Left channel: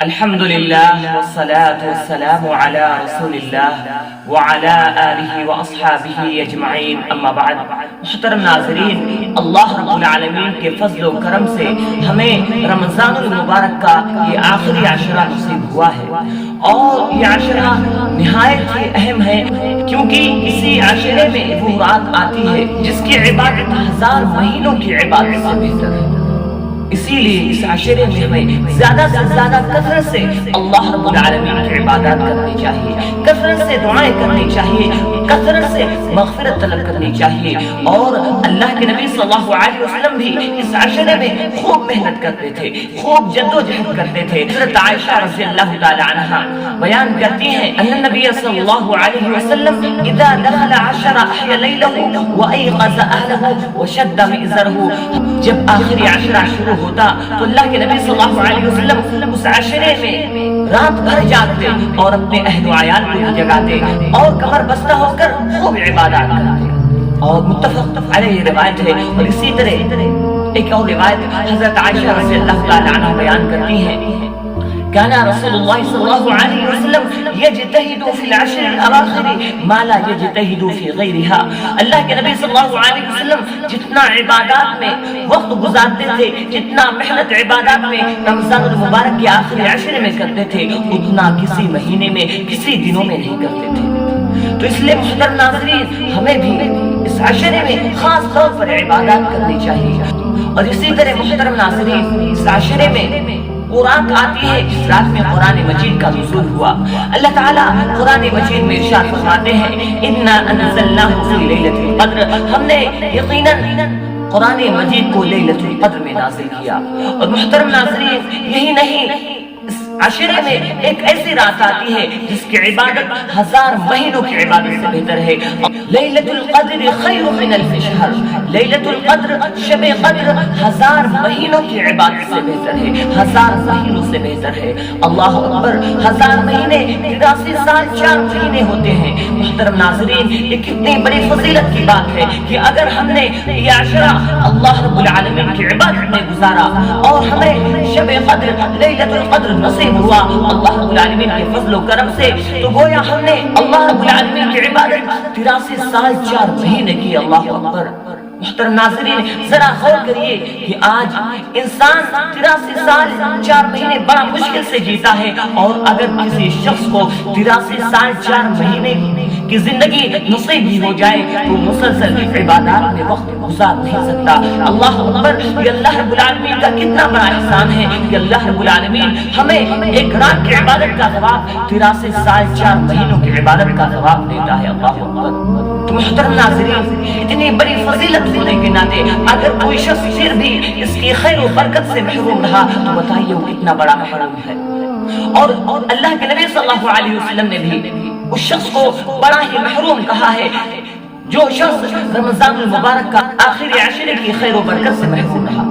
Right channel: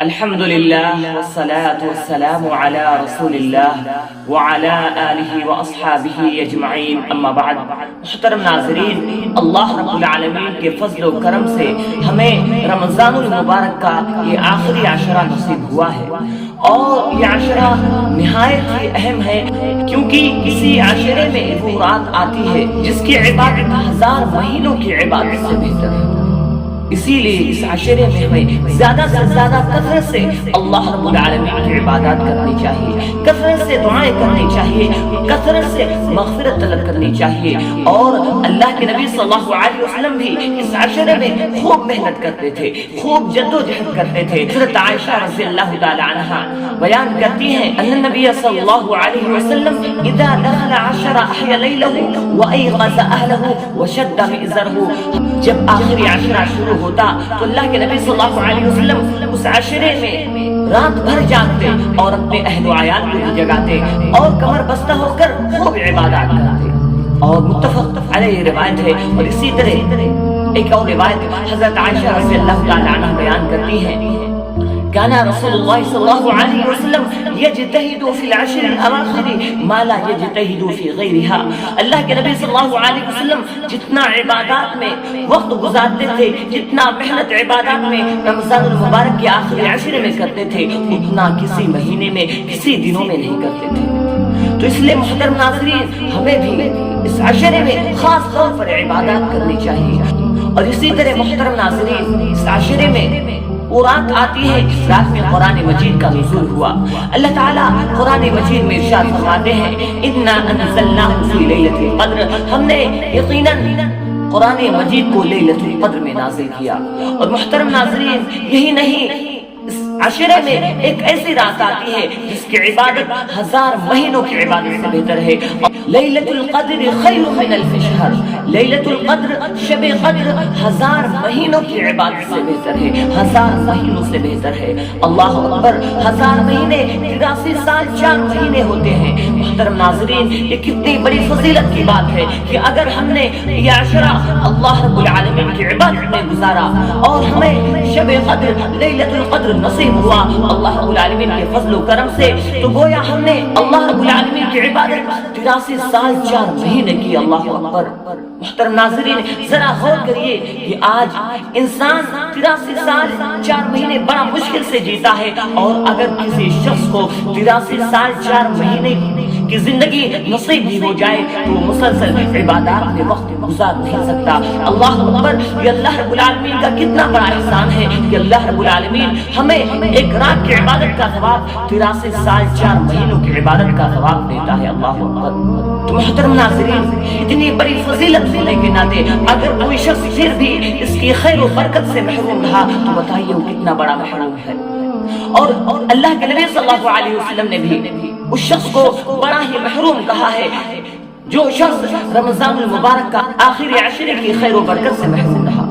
الحمد لله والصلاة والسلام على رسول الله وعلى آله وأصحابه اجمعین اما بعد. محترم ناظرین، اللہ رب العالمین کے فضل و کرم سے ہمیں رمضان المبارک کا یہ آخری عشرہ نصیب ہوا ہے، اور یہ عشرہ نہایت ہی اہم ہے کیونکہ اسی عشرے میں وہ رات آتی ہے جس کی عبادت ہزار مہینوں کی عبادت سے بہتر ہے. اسی لیے اس عشرے میں ہمیں زیادہ سے زیادہ کثرت سے اللہ رب العالمین کی عبادات کرنی چاہیے، کثرت سے دعائیں کرنی چاہیے، کثرت سے مغفرت طلب کرنی چاہیے. اور اللہ کے نبی صلی اللہ علیہ وسلم بھی اس عشرے میں خوب محنت کرتے تھے، خوب جد و جہد کرتے تھے. حضرت عائشہ رضی اللہ تعالی عنہا بیان کرتی ہیں ان النبی صلی اللہ علیہ وسلم اذا دخل عشر احیا لیلہ وایقظ اہلہ وشد مئزرہ. جب آخری عشرہ شروع ہوتا تو اللہ کے نبی صلی اللہ علیہ وسلم اس عشرے میں رات بھر جاگتے اور اپنے اہل و عیال کو بھی جگاتے اور کمر بستہ ہو کر خوب عبادات کرتے. اور متفق علیہ روایت ہے. اور اسی طرح ایک اور روایت حضرت عائشہ رضی اللہ تعالی عنہ بیان کرتی ہیں كان رسول الله صلى الله عليه وسلم يجتهد في العشر الأواخر ما لا يجتهد في غيرها. اللہ کے نبی صلی اللہ علیہ وسلم جتنا عبادات میں وقت گزارتے تھے، جتنا محنت عبادات میں رمضان المبارک کے آخری عشرے میں کرتے تھے، اتنا کسی مہینے میں کسی دنوں میں نہیں کرتے تھے. تو اس لیے محترم ناظرین، ہمیں بھی اس عشرے میں خاص طور پر عبادات کرنی چاہیے. اور اسی طرح محترم ناظرین، اس عشرے میں وہ رات آتی ہے جس رات میں قرآن مجید کا نزول ہوا. اللہ تعالیٰ قرآن مجید میں ارشاد فرماتے ہیں اِنَّا أَنزَلْنَاهُ فِي لَيْلَةِ الْقَدْرِ. ہم نے یقیناً قرآن مجید کو لیلۃ القدر میں نازل کیا. اور محترم ناظرین، یہی نہیں، اس عشرے میں ایک ایسی رات آتی ہے جس کی عبادت ہزار مہینوں کی عبادت سے بہتر ہے. لیلۃ القدر خیر من الف شہر. لیلۃ القدر شب قدر ہزار مہینوں کی عبادت سے بہتر ہے، ہزار مہینوں سے بہتر ہے. اللہ اکبر. ہزار مہینے 83 سال 4 مہینے ہوتے ہیں. محترم ناظرین، یہ کتنی بڑی فضیلت کی بات ہے کہ اگر ہم نے یہ عشرہ اللہ رب العالمین کی عبادت میں گزارا اور ہمیں شب قدر لیلۃ القدر نصیب ہوا اللہ رب العالمین کے فضل و کرم سے، تو گویا ہم نے اللہ رب العالمین کی عبادت 83 سال 4 مہینے کی. اللہ اکبر. محترم ناظرین، ذرا غور کریے کہ آج انسان 83 سال 4 مہینے بڑا مشکل سے جیتا ہے، اور اگر کسی شخص کو 83 سال 4 مہینے کی زندگی نصیب بھی ہو جائے تو مسلسل عبادات میں وقت گزار نہیں سکتا. اللہ اکبر. یہ اللہ رب العالمین کا کتنا بڑا احسان ہے کہ اللہ رب العالمین ہمیں ایک رات کی عبادت کا ثواب 83 سال 4 مہینوں کی عبادت کا ثواب دیتا ہے. اللہ اکبر. تو محترم ناظرین، اتنی بڑی فضیلت ہونے کے ناطے اگر کوئی شخص پھر بھی اس کی خیر و برکت سے محروم رہا تو بتائیے وہ کتنا بڑا محروم ہے. اور اللہ کے نبی صلی اللہ علیہ وسلم نے بھی اس شخص کو بڑا ہی محروم کہا ہے جو شخص رمضان المبارک کا آخری عشرے کی خیر و برکت سے محروم رہا.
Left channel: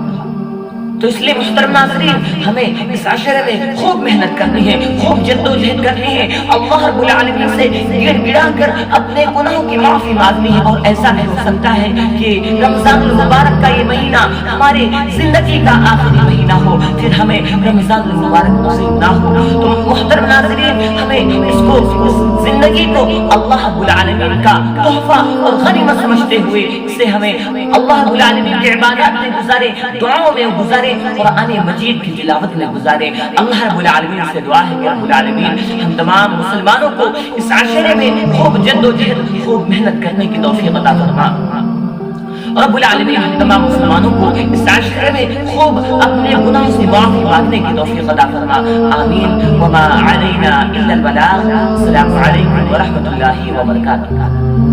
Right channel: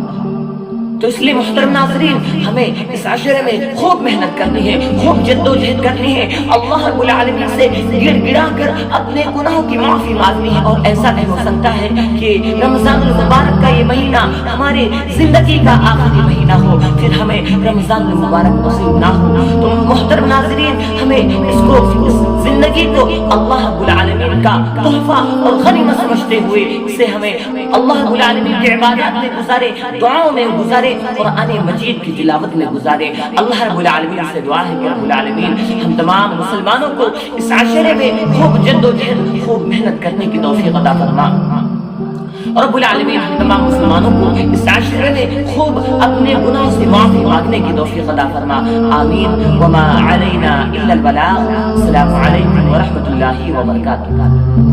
تو اس لیے محترم ناظرین، ہمیں اس عشرے میں خوب محنت کرنی ہے، خوب جد و جہد کرنی ہے، اللہ رب العالمین سے گڑ گڑا کر اپنے گناہوں کی معافی مانگنی ہے. اور ایسا نہیں ہو سکتا ہے کہ رمضان المبارک کا یہ مہینہ ہماری زندگی کا آخری مہینہ ہو پھر ہمیں رمضان المبارک نصیب نہ ہو. تو محترم ناظرین، ہمیں اس زندگی کو اللہ رب العالمین کا تحفہ اور غنیمت سمجھتے ہوئے اسے ہمیں اللہ رب العالمین کی عبادات میں گزارے، دعاؤں میں گزارے، قرآن مجید کی تلاوت میں گزارے. اللہ رب العالمین سے دعا ہے کہ رب العالمین ہم تمام مسلمانوں کو اس عشرے میں خوب جد و جہد، خوب محنت کرنے کی توفیق عطا فرما. رب العالمین ہم تمام مسلمانوں کو اس عشرے میں خوب اپنے گناہوں سے معافی مانگنے کی توفیق عطا فرما. آمین. وما علینا الا البلاغ. السلام علیکم ورحمۃ اللہ وبرکاتہ.